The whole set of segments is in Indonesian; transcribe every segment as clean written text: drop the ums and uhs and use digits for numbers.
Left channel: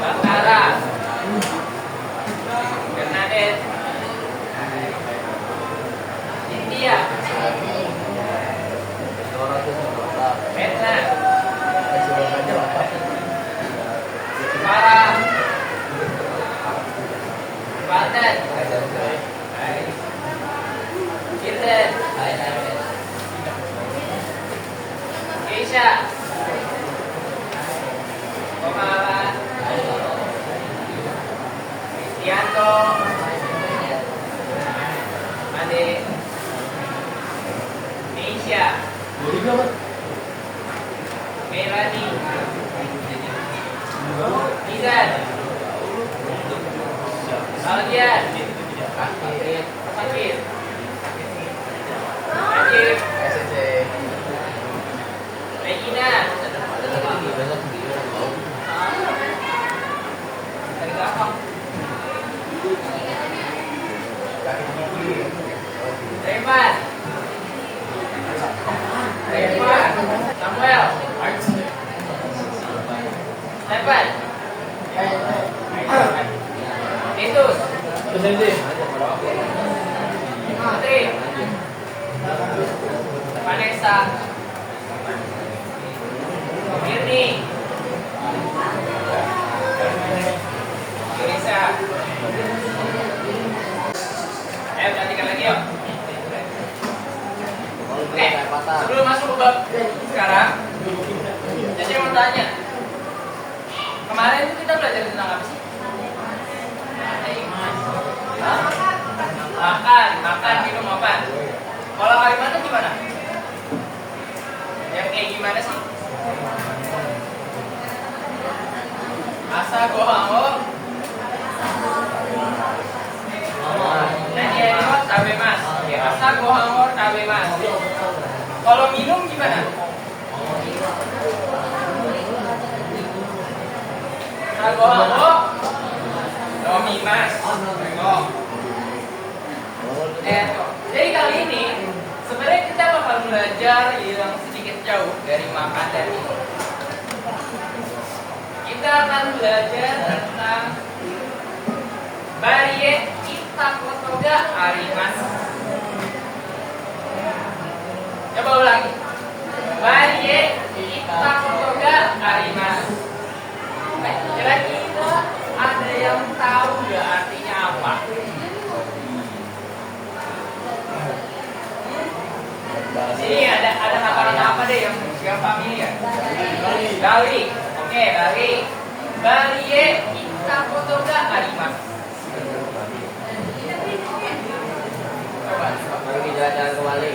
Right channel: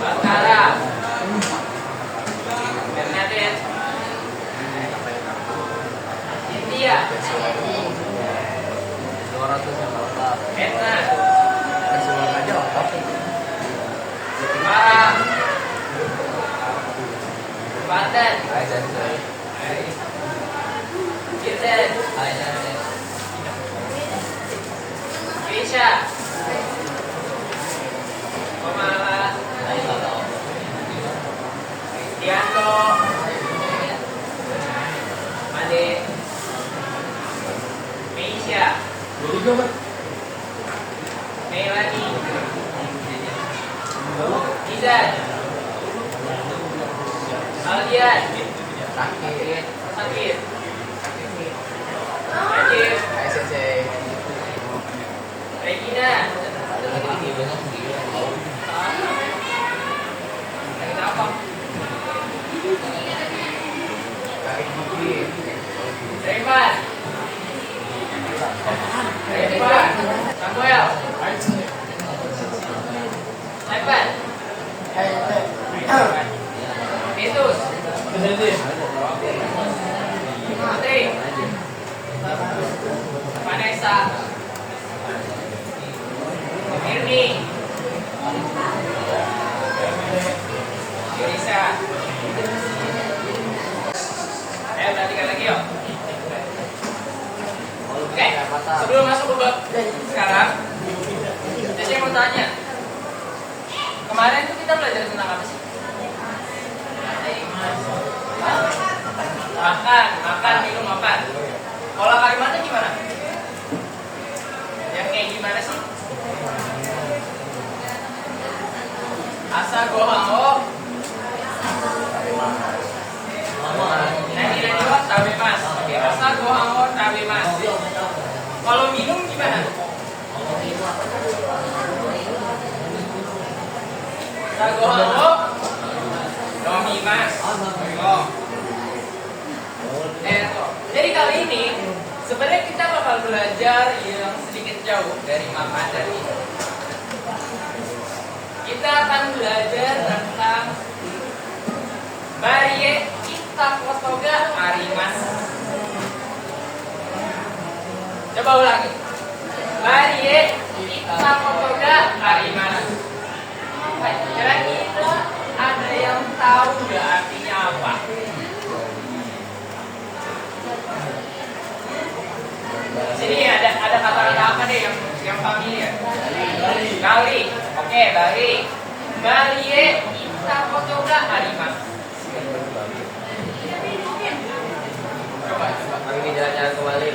Batara, Bernadette, India, Etna, Farah, Wardan, Kirden, Keisha, Komala, Kristianto, Ade, Meisha, Melanie, Izan, Aldian, Sakit, Najib, Regina, Revan, Samuel, Evan, Titus, Putri, Vanessa, Mirni, Lisa. Perhatikan lagi yuk. Oke, sebelum masuk ke bab sekarang, saya mau tanya. Kemarin itu kita belajar tentang apa sih? Makan, minum, makan. Pola kalimatnya gimana? Yang kayak gimana sih? Asa gohao. Nani wa tabemas. Oke, asa gohao tabemas. Kalau minum gimana? Asa gohao nomimas. Jadi kali ini sebenarnya kita bakal belajar yang sedikit jauh dari makan dan minum. Kita akan belajar tentang Barie Itakotoga Arimas. Coba ulangi. Barie Itakotoga Arimas. Kira-kira ada yang tahu nggak artinya apa? Sini ada kata-kata apa deh yang familiar? Gali. Oke, Gali. Barie Itakotoga Arimas. Kami jalan-jalan ke Bali.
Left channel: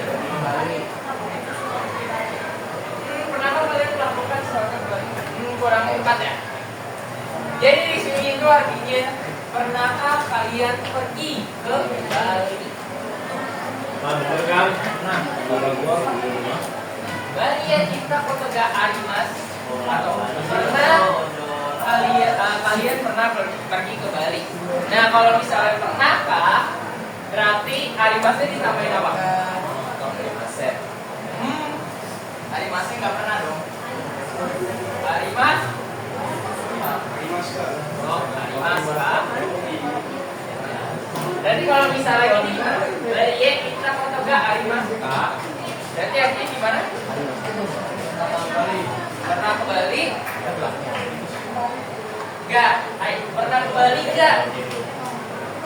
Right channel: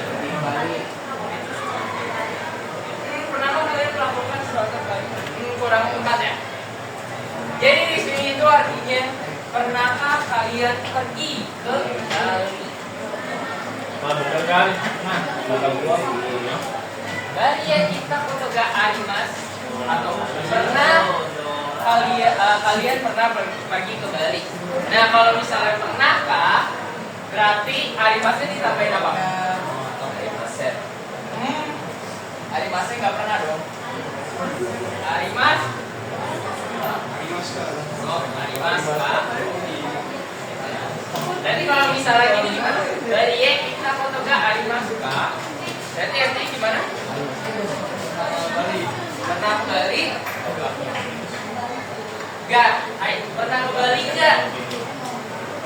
Kenapa kalian melakukan sesuatu Bali? Kurang empat ya. Jadi di sini itu artinya pernahkah kalian pergi ke Bali? Barie Itakotoga Arimas atau pernah kalian pernah pergi ke Bali. Nah kalau misalnya pernahkah, berarti Arimasnya ditambahin apa? Arimasnya nggak pernah dong. Arimas. Oh, Arimas Pak. Jadi kalau misalnya gini gimana? Barie Itakotoga Arimas Pak. Berarti artinya gimana? Pernah ke Bali? Enggak. Pernah ke Bali enggak?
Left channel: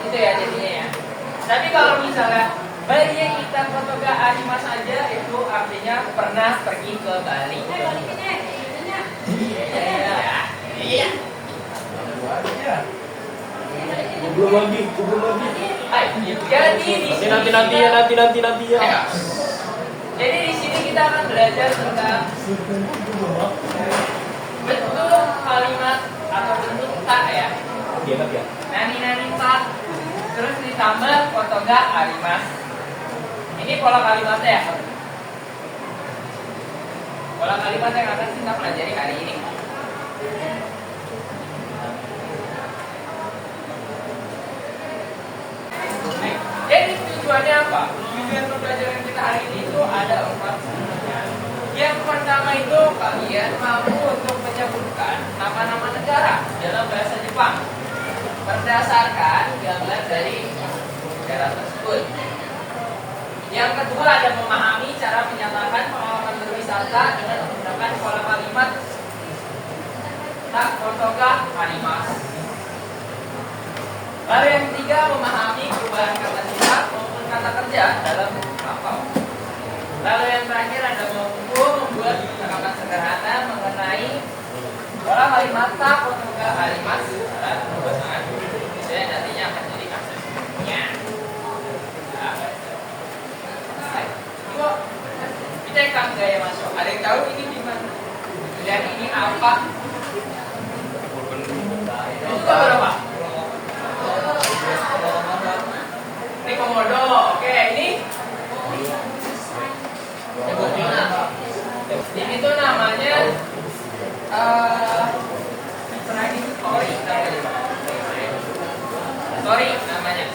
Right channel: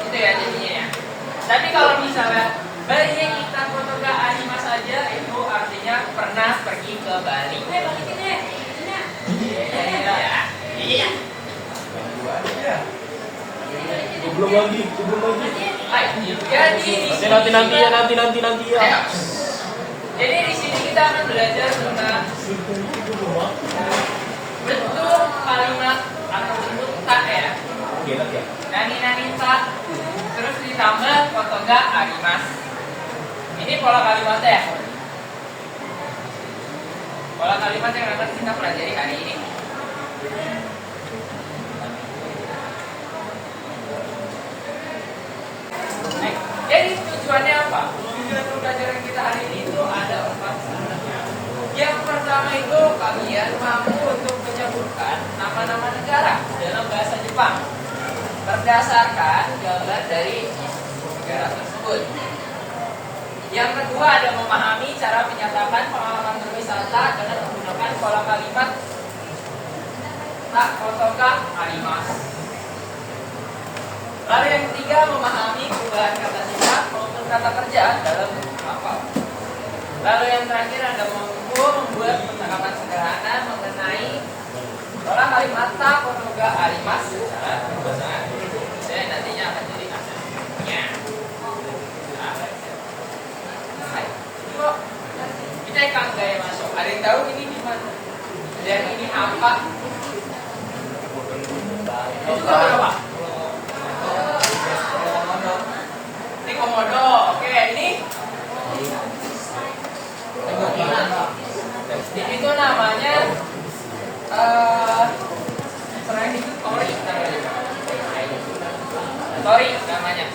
Itu ya jadinya ya. Tapi kalau misalnya Barie Itakotoga Arimas saja itu artinya pernah pergi ke Bali. Iya. Belum lagi. Jadi Nanti ya. Jadi di sini kita akan belajar tentang bentuk kalimat atau bentuk tak ya. Nani tak. Terus ditambah kotoga arimas. Ini pola kalimatnya ya. Pola kalimat yang akan kita pelajari hari ini. Jadi tujuannya apa? Tujuan pembelajaran kita hari ini itu ada 4 sebenarnya. Yang pertama itu kalian mampu untuk menyebutkan Jepang berdasarkan gambar dari negara tersebut. Yang kedua ada memahami cara menyatakan pengalaman berwisata dengan menggunakan pola kalimat tak kotoka arimasu. Lalu yang ketiga memahami perubahan kata sifat maupun kata kerja dalam kapal. Lalu yang terakhir ada mampu membuat percakapan sederhana mengenai pola kalimat tak kotoka arimasu secara berpasangan. Saya nantinya akan jadi asesmennya. Kita akan gaya masuk. Ada yang tahu ini di mana? Dan ini apa? Itu berapa? Ini komodo. Oke, ini ini tuh namanya selain itu tori namanya. Tori namanya.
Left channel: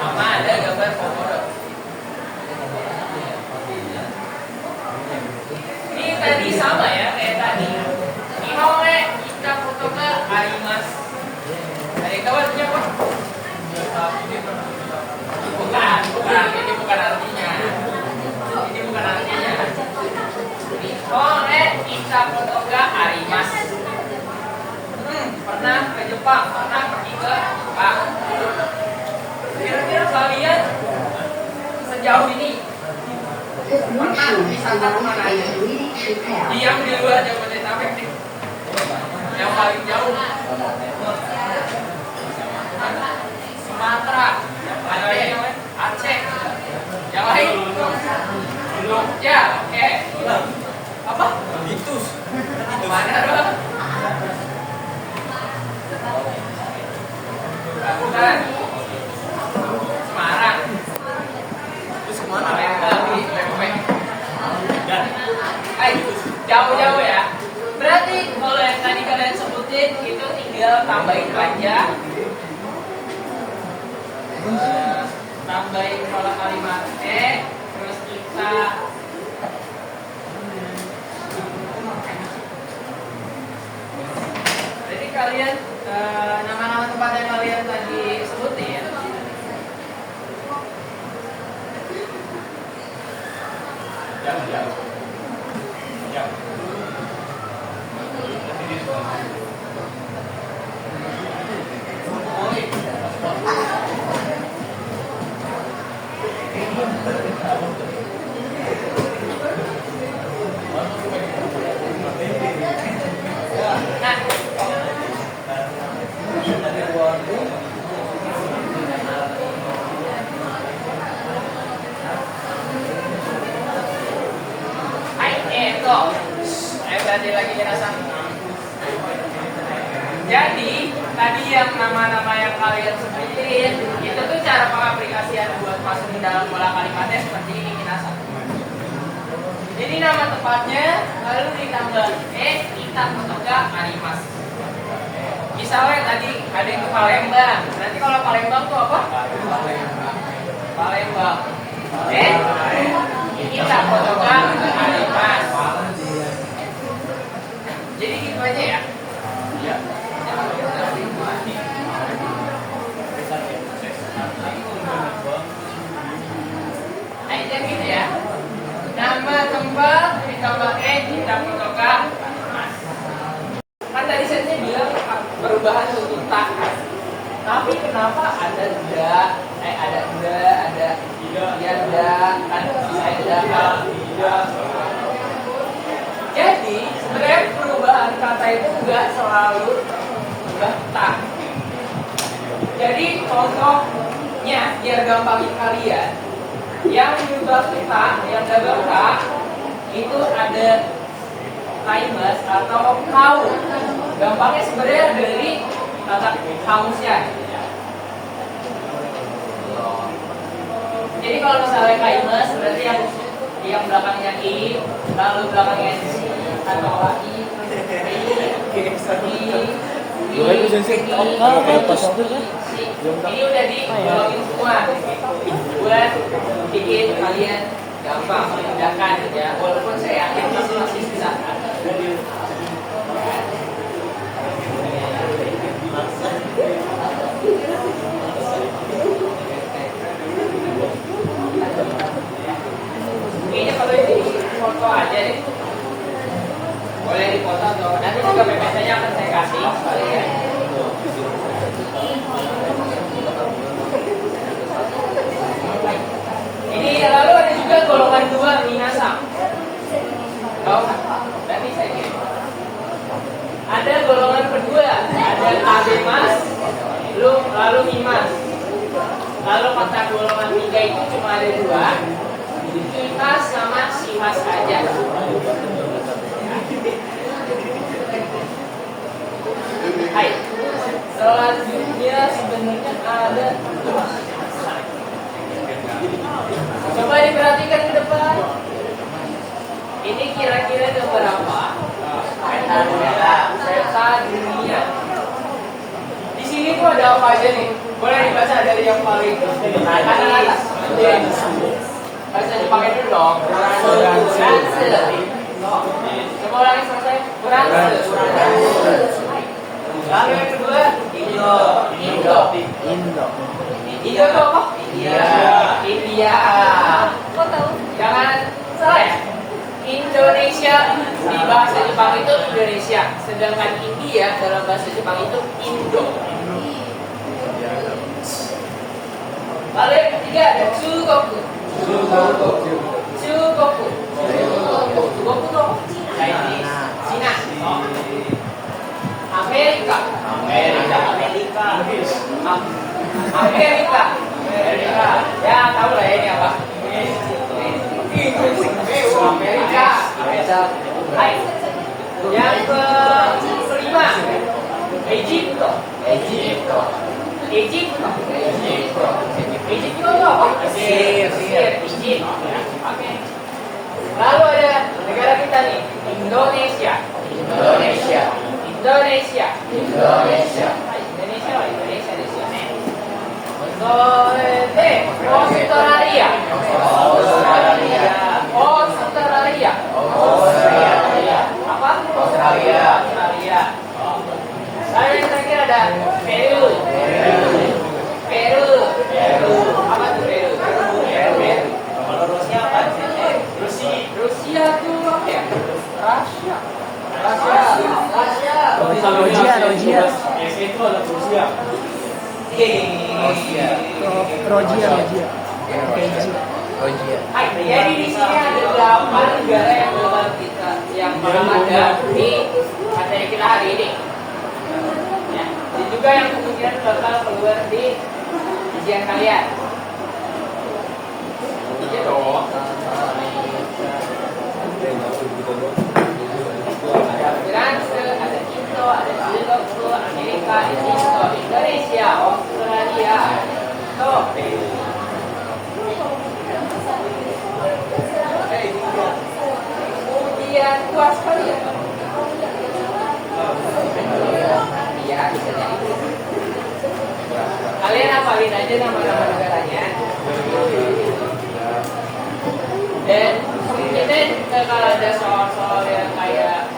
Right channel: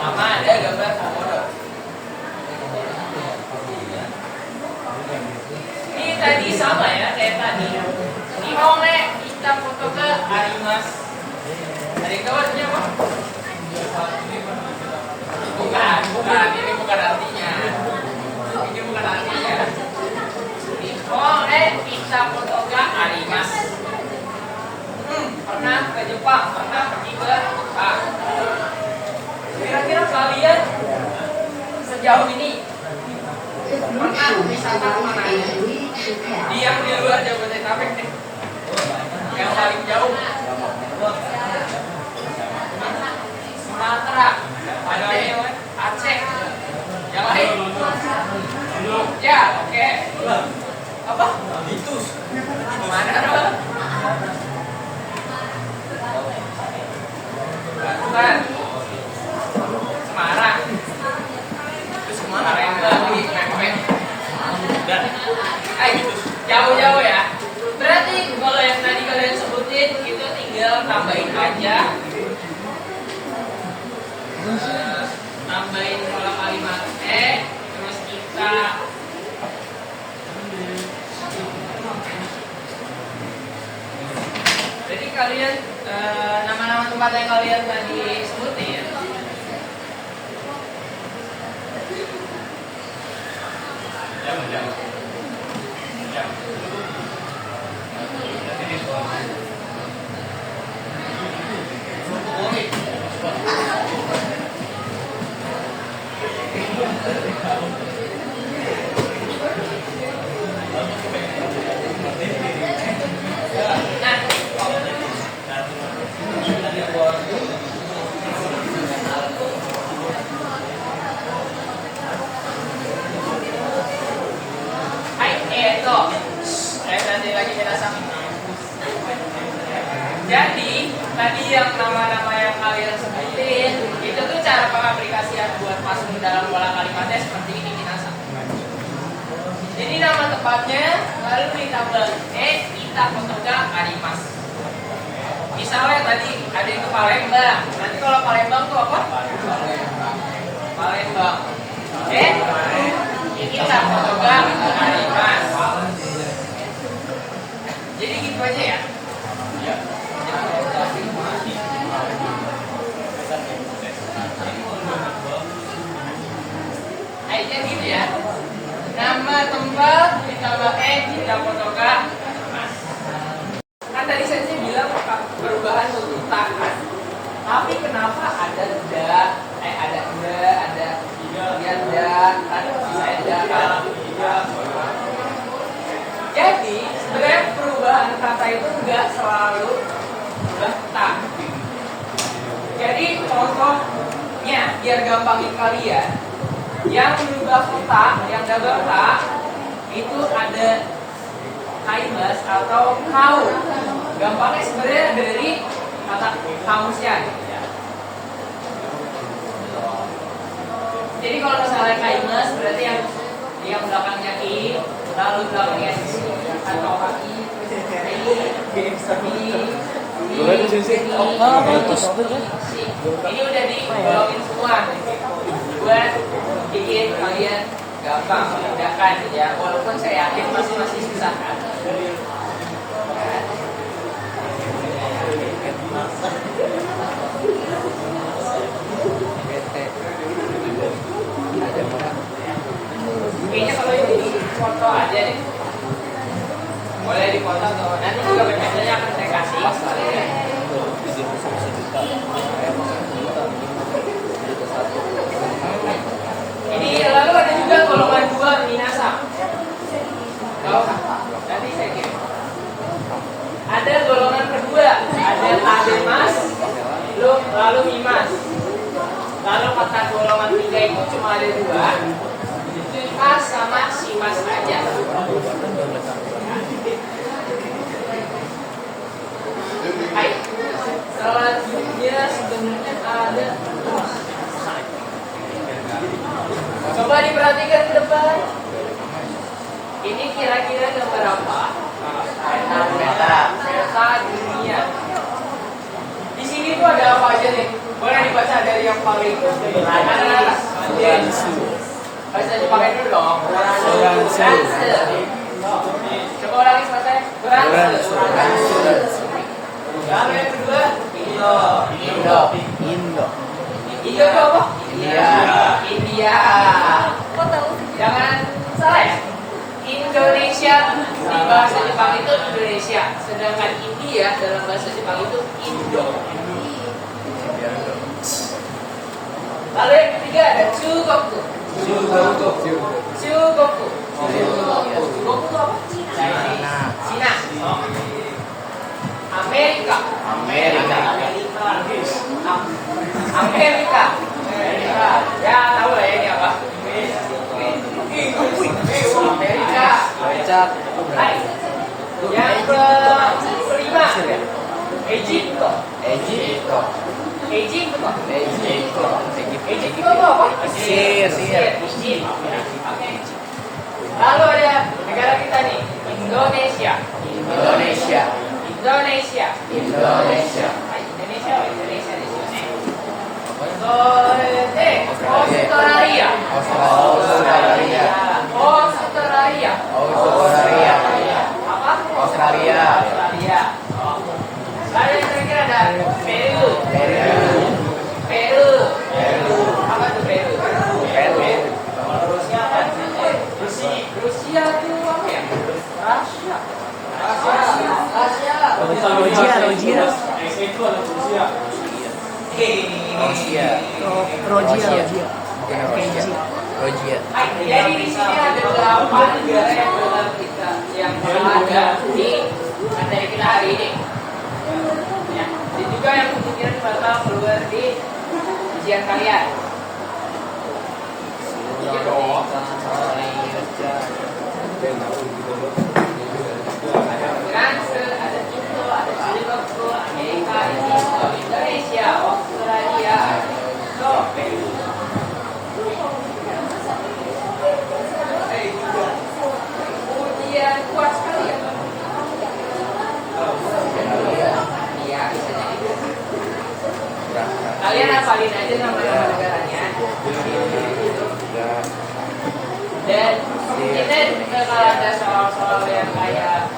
Sama ada gambar komodo. Ini tadi sama ya kayak tadi. Nihonge kita foto ke arimasu. Dari tahu artinya apa? Bukan, ini bukan artinya. Ini bukan artinya. Nihonge kita foto ke arimasu. Pernah ke Jepang, pernah pergi ke Jepang. Kira-kira kalian sejauh ini pernah wisata kemana aja? Yang di luar Jabodetabek nih. Yang paling jauh Sumatera, Aceh. Yang lain? Ya, oke. Apa? Litus. Mana dong? Bukan. Semarang. Itu semua orang yang lagi pempek. Jauh-jauh ya. Berarti kalau yang tadi kalian sebutin itu tinggal tambahin aja. Tambahin pola kalimat terus kita jadi kalian nama-nama tempat yang kalian tadi sebutin ya. Jangan. Jadi tadi yang nama-nama yang kalian sebutin itu tuh cara pengaplikasian buat masuk ke dalam pola kalimatnya seperti ini Kinasa. Jadi nama tempatnya lalu ditambah kita kotoga arimasu. Misalnya tadi ada yang ke Palembang. Nanti kalau Palembang tuh apa? Palembang. Kita kotoga arimasu. Jadi gitu aja ya. Aja gitu ya. Nama tempat ditambah kita kotoga arimasu. Kan tadi saya bilang perubahan untuk tak. Tapi kenapa ada jadi sebenarnya perubahan kata itu enggak selalu berubah tak. Jadi contohnya biar gampangin kalian, yang berubah tak, yang double tak itu ada kaimas atau kau. Gampangnya sebenarnya dari kata kamusnya. Jadi kalau misalnya kaimas berarti yang belakangnya i, lalu belakangnya si atau i, ini udah dibawain semua buat bikin kalian gampang membedakan ya. Walaupun saya yakin masih susah. foto aja deh. Boleh dipoto tuh. Nanti juga PPT-nya akan saya kasih sekalian. Ini lalu ada juga golongan 2 minasa. Oh, nanti saya kirim. Ada golongan kedua, ada AB Mas, lalu Mimas. Lalu kata golongan 3 itu cuma ada 2, Mas sama Simas aja. Hai, selanjutnya sebenarnya ada. Coba diperhatikan ke depan. Ini kira-kira ada berapa? Peta dunia. Di sini tuh ada apa aja nih? Boleh dibaca dari yang paling atas. Bahasa Jepangnya dulu dong. Beranse. Coba ulangi sama saya. Beranse. Lalu yang kedua, Indo. Indo itu apa? India. Jangan salah ya. Indonesia di bahasa Jepang itu Indonesia, sedangkan India dalam bahasa Jepang itu Indo. Lalu yang ketiga ada Chugoku. Chugoku itu apa? Cina. Amerika. Ya tahu lah ya ini apa? Amerika. Hai. Yang kelima, Egypto. Egypto itu apa? Mesir. Oke. Lalu ada negara kita nih, Indonesia. Australia. Apa? Australia. Lalu yang terakhir ada Peru. Apa tuh Peru? Rusia apa? Rusia tuh apa ya? Rusia. Rogia. Itu ada Rusia. Rogia. Jadi di sini ada 8 negara yang dalam kita yang pernah ada di materi kita hari ini. Ya, dan juga yang kemungkinan bakal keluar di ujian kalian. Iya dong. Ada Franse, ada Indo, ada Singapura, Amerika, Indonesia, Australia, Peru. Ujian kuat sekali ya. Iya, bisa jadi. Kalian hafalin aja nama-nama negaranya. Dan kita kalau ada soal-soal yang kayak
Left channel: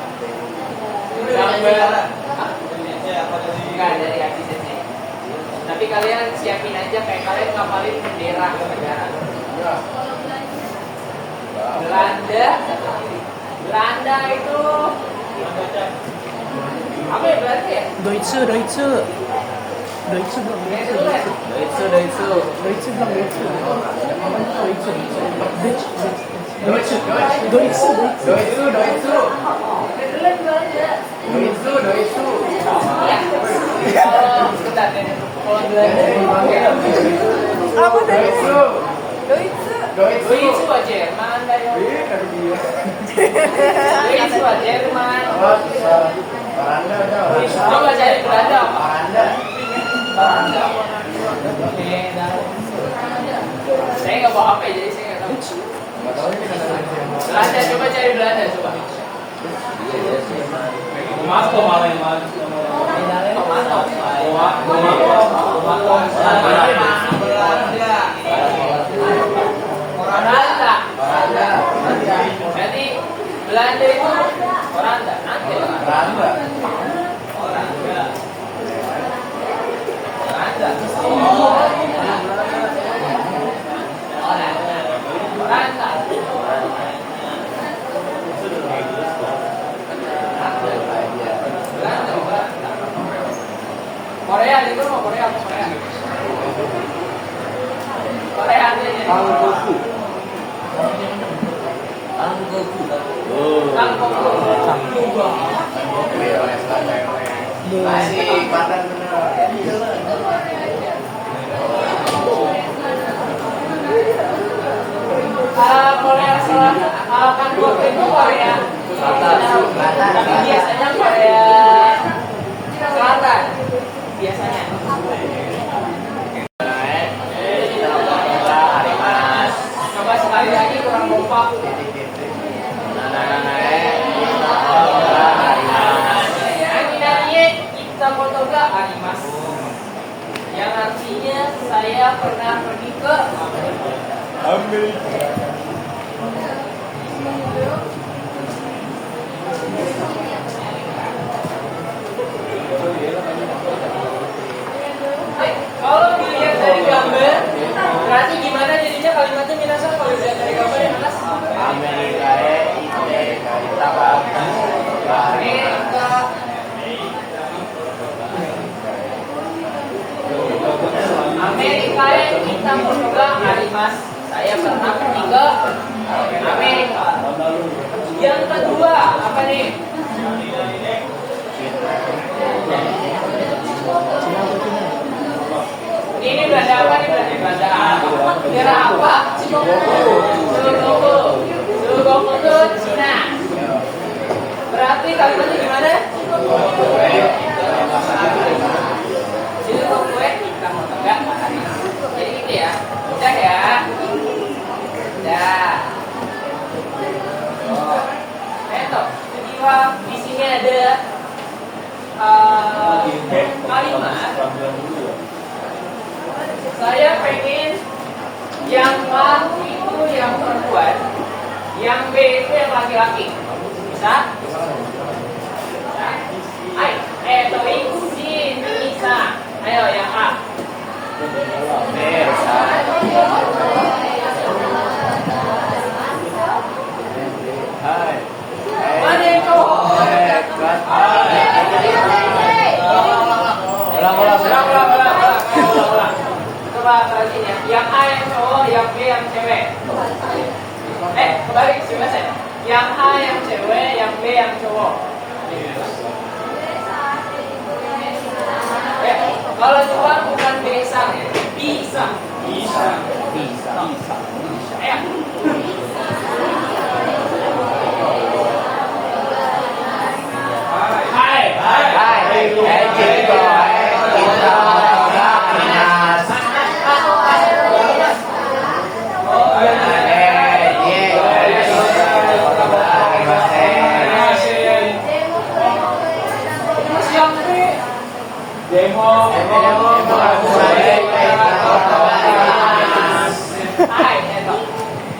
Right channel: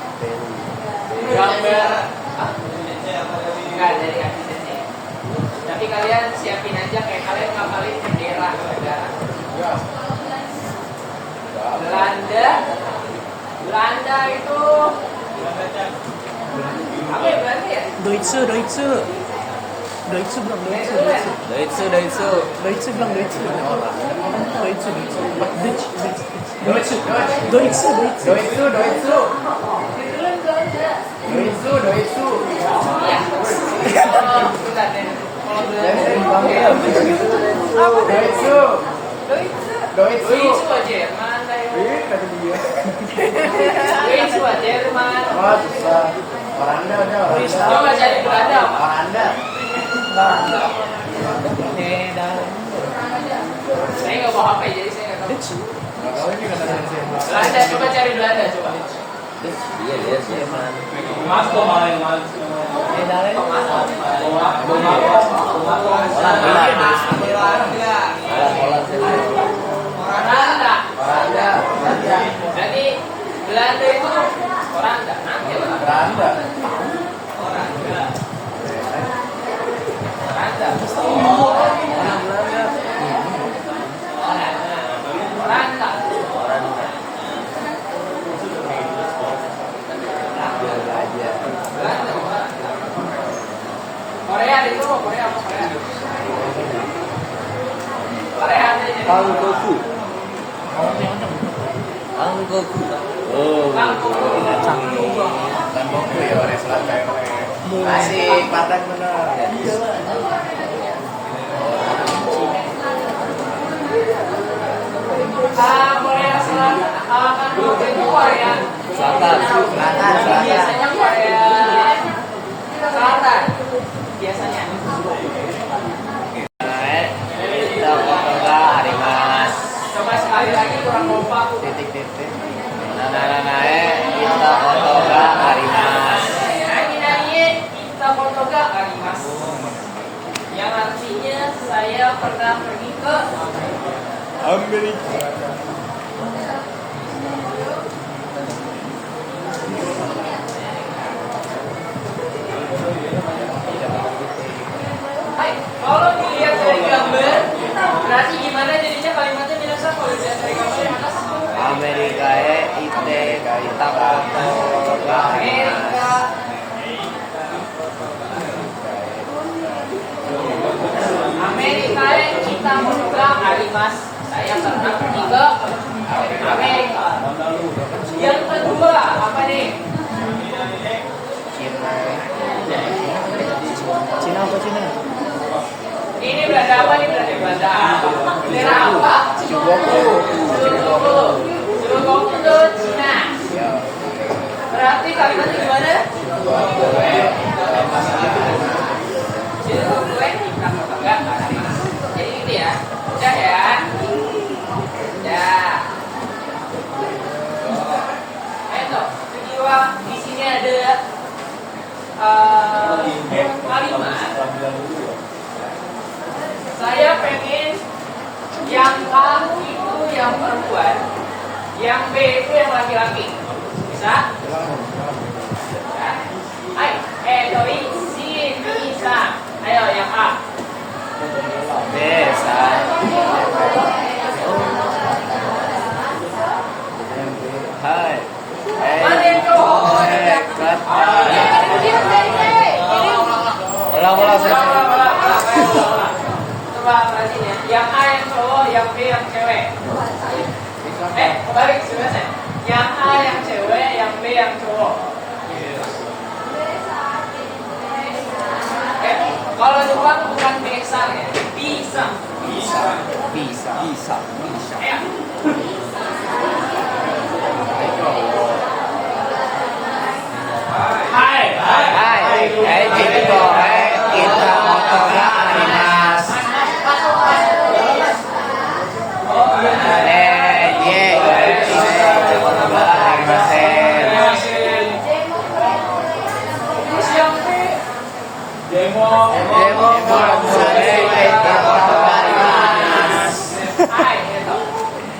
gambar, enggak dari absennya. Tapi kalian siapin aja kayak kalian ngapalin bendera negara. Belanda itu apa ya Belanda ya? Deutsche belum Deutsche Jerman dari Deutsche Jerman. Coba cari Belanda apa? Saya nggak bawa HP jadi saya nggak tahu. Belanda, coba cari Belanda coba. Jadi Belanda itu Oranda, nanti Oranda. Anggoku. Oh. Masih padan bener. Korea Selatan kan waktu itu Korea tapi biasanya Korea Selatan biasanya. Coba sekali lagi kurang kompak. Kita foto ga arimas, yang artinya saya pernah pergi ke Amerika. Hai, kalau dilihat dari gambar, berarti gimana jadinya kalimatnya minasan kalau dilihat dari gambar yang atas? Amerika kita Amerika. Amerika kita motoga arimas. Saya pernah pergi ke Amerika. Yang kedua apa nih? Cina apa Cina? Ini Belanda apa nih? Belanda apa? Daerah apa? Cilegon itu Cina. Berarti kalimatnya gimana? Cilegon kita motoga arimas. Jadi gitu ya. Udah ya. Udah. Tuh, kedua di sini ada kalimat. Saya pengen yang A itu yang perempuan, yang B itu yang laki-laki. Bisa? Ayo, si bisa. Ayo yang A. Mana yang cowok? Coba lagi nih. Yang A yang cowok, yang B yang cewek. Kebalik sebenarnya. Yang A yang cewek, yang B yang cowok. Kalau Jepang bukan bisa ya, bisa. Ayo.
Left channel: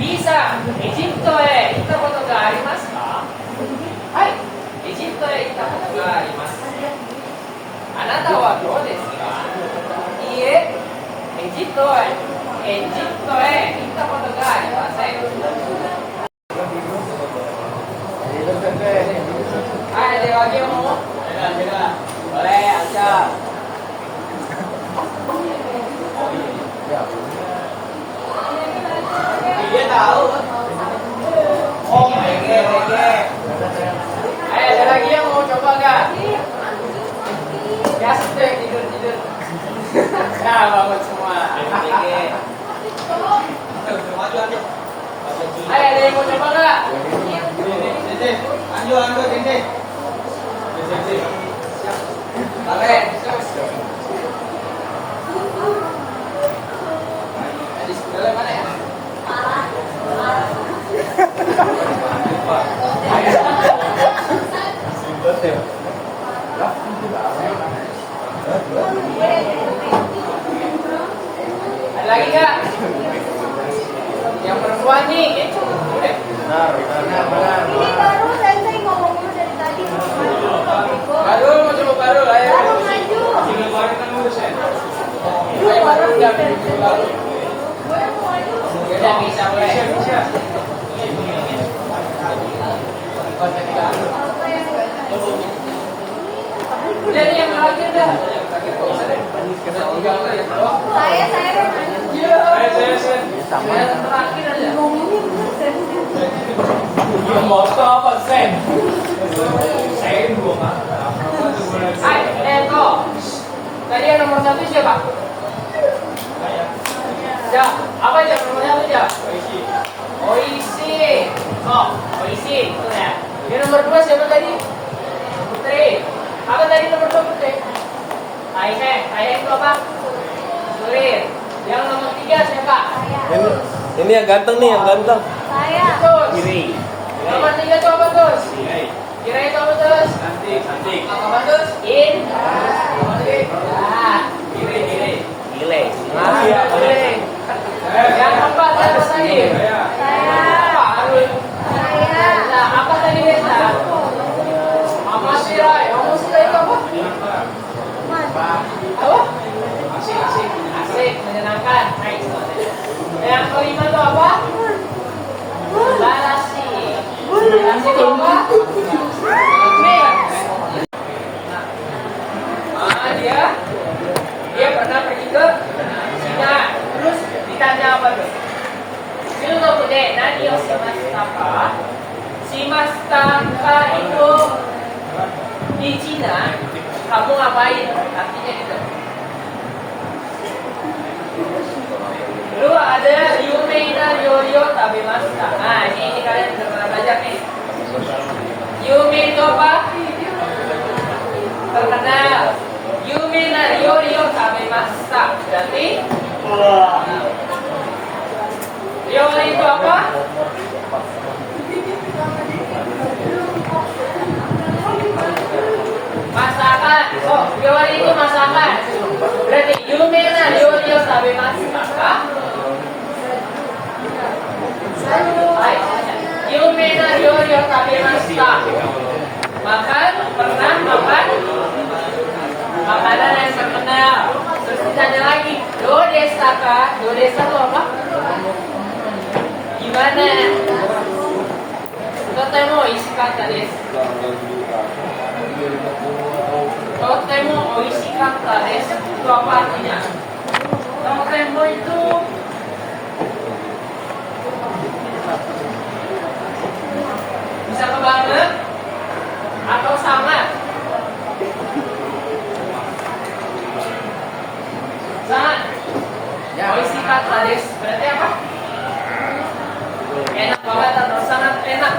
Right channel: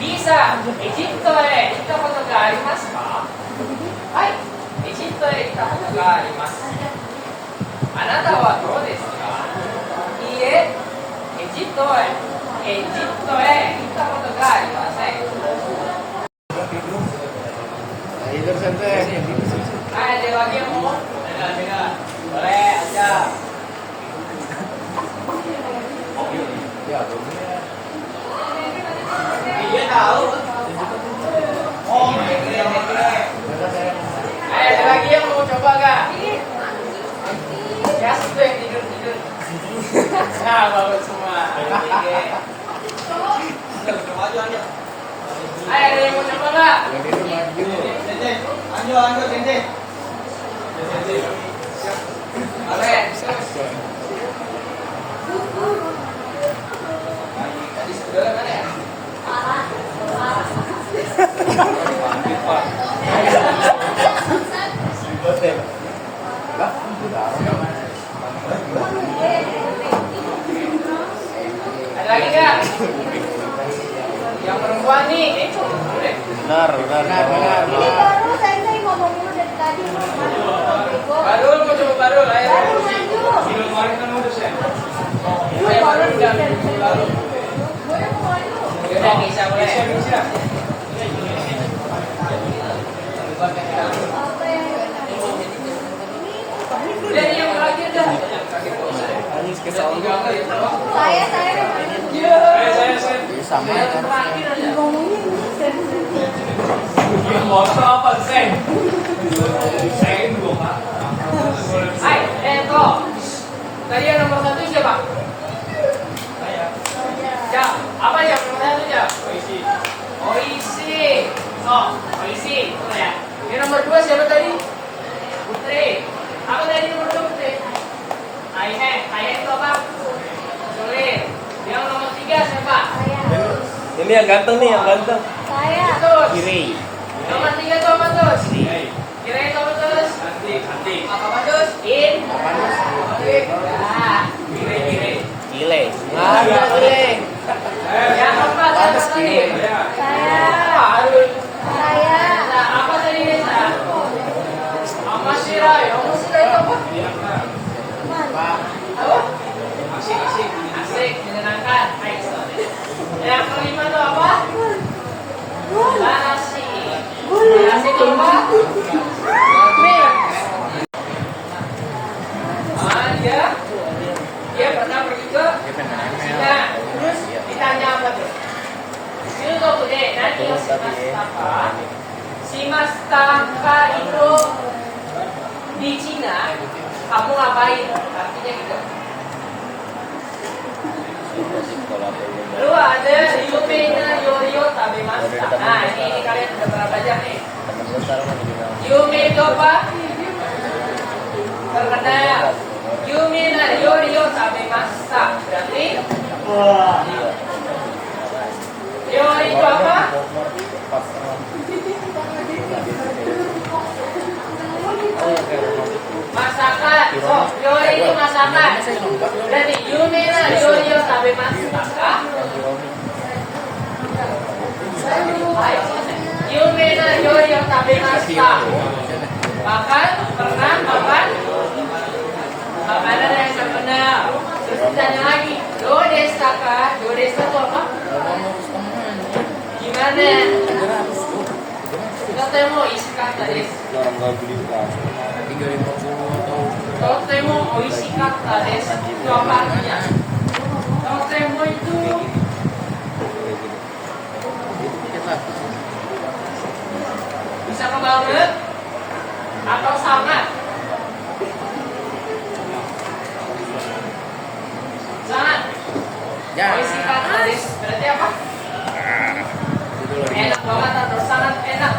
Bisa. Egypto kita foto ga arimasu ka? Hai. Egypto kita foto ga arimasu. Anata wa dou desu ka? Iie. Egypto kita foto ga arimasen. Hai, ada lagi yang mau? Ada. Boleh aja. Dia tahu. Oh my god. Ada lagi yang mau coba nggak? Ya situ yang tidur. Nah, bagus semua. Ayo, ada yang mau coba nggak? Anjo, ini. Oke. Tadi sebelah mana ya? Ada lagi nggak? Yang perempuan nih, udah. Benar. Ini baru saya ngomong dulu dari tadi. Baru mau coba baru lah ya. Sudah keluarin kan mulus ya. Ayo baru udah baru. Beda bisa boleh. Udah nih yang terakhir dah. Tinggal ya. Saya. Saya. motor apa sen? Sen gua pak. Hai, Eko. Tadi yang nomor 1 siapa? Saya. Ya, apa aja nomor 1 ya? Oishi. Oishi. Oh, Oishi. Betul ya. Yang nomor 2 siapa tadi? Putri. Apa tadi nomor 2 Putri? Saya itu apa? Sulit. Yang nomor 3 siapa? Ini yang ganteng nih, yang ganteng. Saya. Betul. Kiri. Nomor 3 itu apa Tus? Kira itu apa Tus? Cantik. Apa Tus? In. Ya. Kiri. Gile. Iya, boleh. Yang keempat apa tadi? Saya. Pak Arun. Saya. Nah, apa tadi Desa? Amasirai. Amasirai itu apa? Apa? Asik, menyenangkan. Yang kelima itu apa? Larasi. Larasi itu apa? Dia pernah pergi ke Cina. Terus ditanya apa tuh? Shinobu de nani o shimashita ka? Shimashita itu di Cina kamu ngapain? Artinya gitu. Lalu ada Yumei na Ryoryo tabemashita. Nah, ini kalian sudah pernah belajar nih. Yumei itu apa? Terkenal. Yumei na Ryoryo tabemashita. Berarti Ryori itu apa? Masakan. Oh, Ryori itu masakan. Berarti Yumei na Ryoryo tabemashita ka? Yumei na Ryoryo tabemashita. Makan, pernah makan makanan yang terkenal. Terus ditanya lagi, do desa ka? Do desa itu apa? Gimana? Totemo oishikatta desu. Totemo oishikatta desu. Itu apa artinya? Totemo itu bisa banget atau sangat? Sangat. Oishikatta desu. Berarti apa? Enak banget atau sangat enak?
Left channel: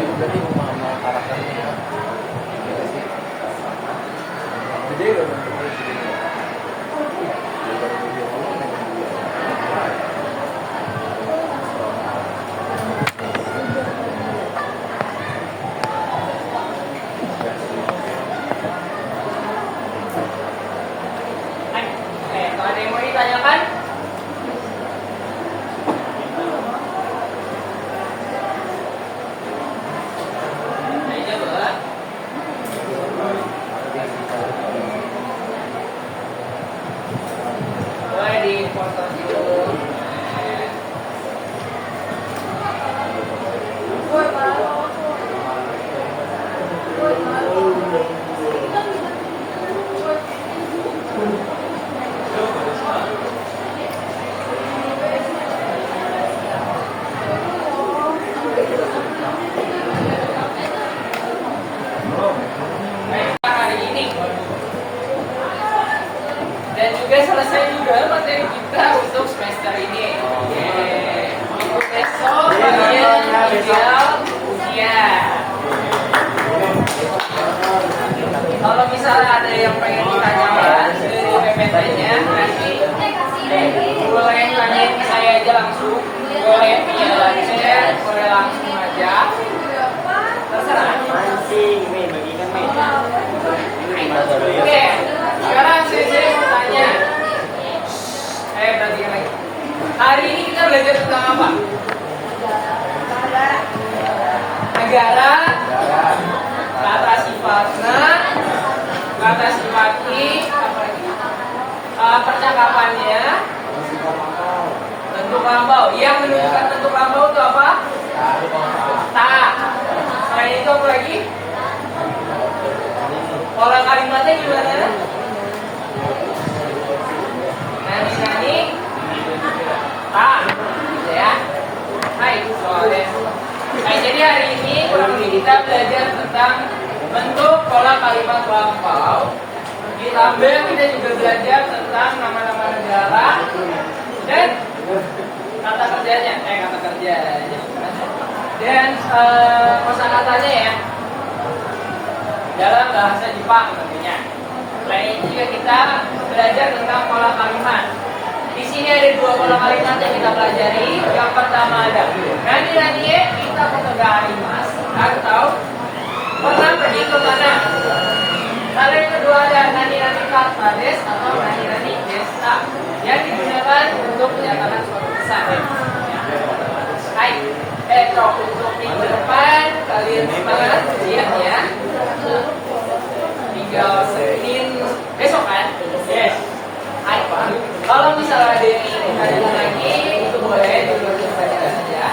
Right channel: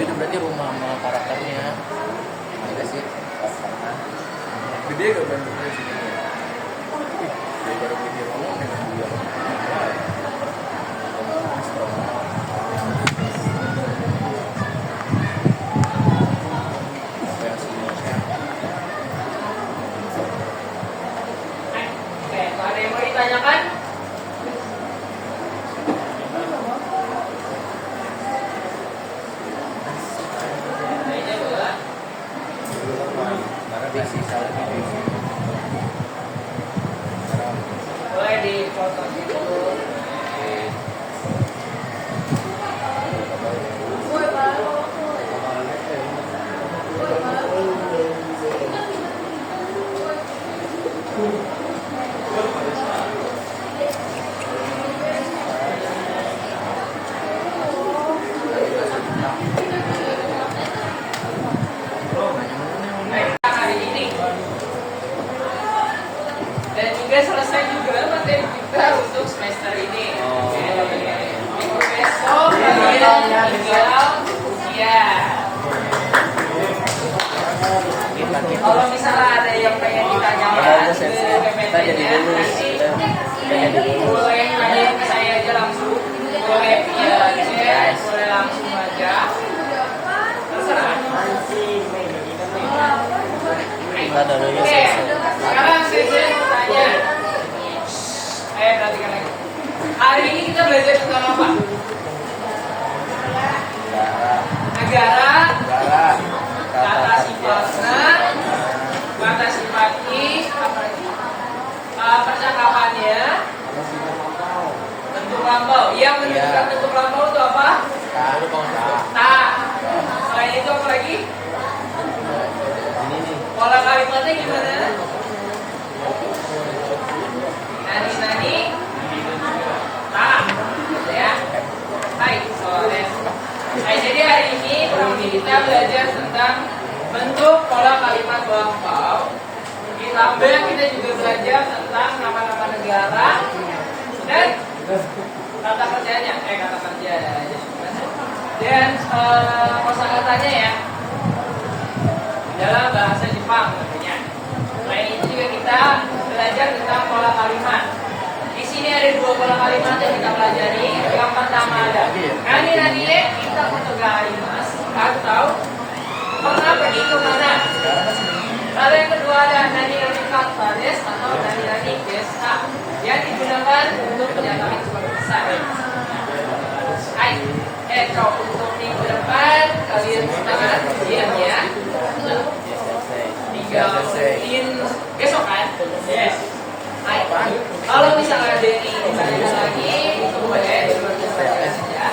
Itu berarti mau karakternya ya. Iya sih. Gede dong. Dia baru dia pulang dengan dua. belajar tentang apa? Negara, kata sifatnya, kata sifati, percakapannya, bentuk lambau. Yang menunjukkan bentuk lambau itu apa? Tak. Selain itu apa lagi? Pola kalimatnya gimana? Nani, tak, gitu ya. Hai, soalnya. Nah, jadi hari ini kurang lebih kita belajar tentang bentuk pola kalimat lampau. Ditambah kita juga belajar tentang nama-nama negara dan kata kerjanya, kata kerja dan kosakatanya ya dalam bahasa Jepang tentunya. Selain itu juga kita belajar tentang pola kalimat. Di sini ada 2 pola kalimat yang kita pelajari. Yang pertama ada nani kita kotogaarimasu atau pernah pergi ke mana. Lalu yang kedua ada nani kata des atau nani desa yang digunakan untuk menyatakan suatu pesan. Hai, untuk minggu depan kalian semangat lihat ya. Tinggal senin besok kan? Yes. Hai. Kalau misalnya ada yang ingin ditanyakan lagi, itu boleh bertanya saja.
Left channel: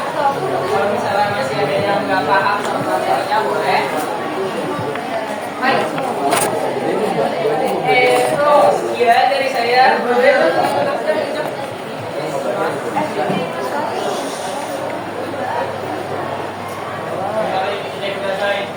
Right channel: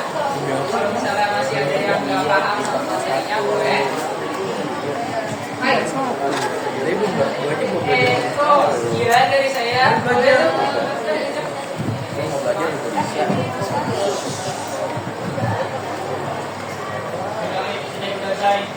Kalau misalnya masih ada yang nggak paham sama materinya boleh. Hai. Sekian dari saya. Baik.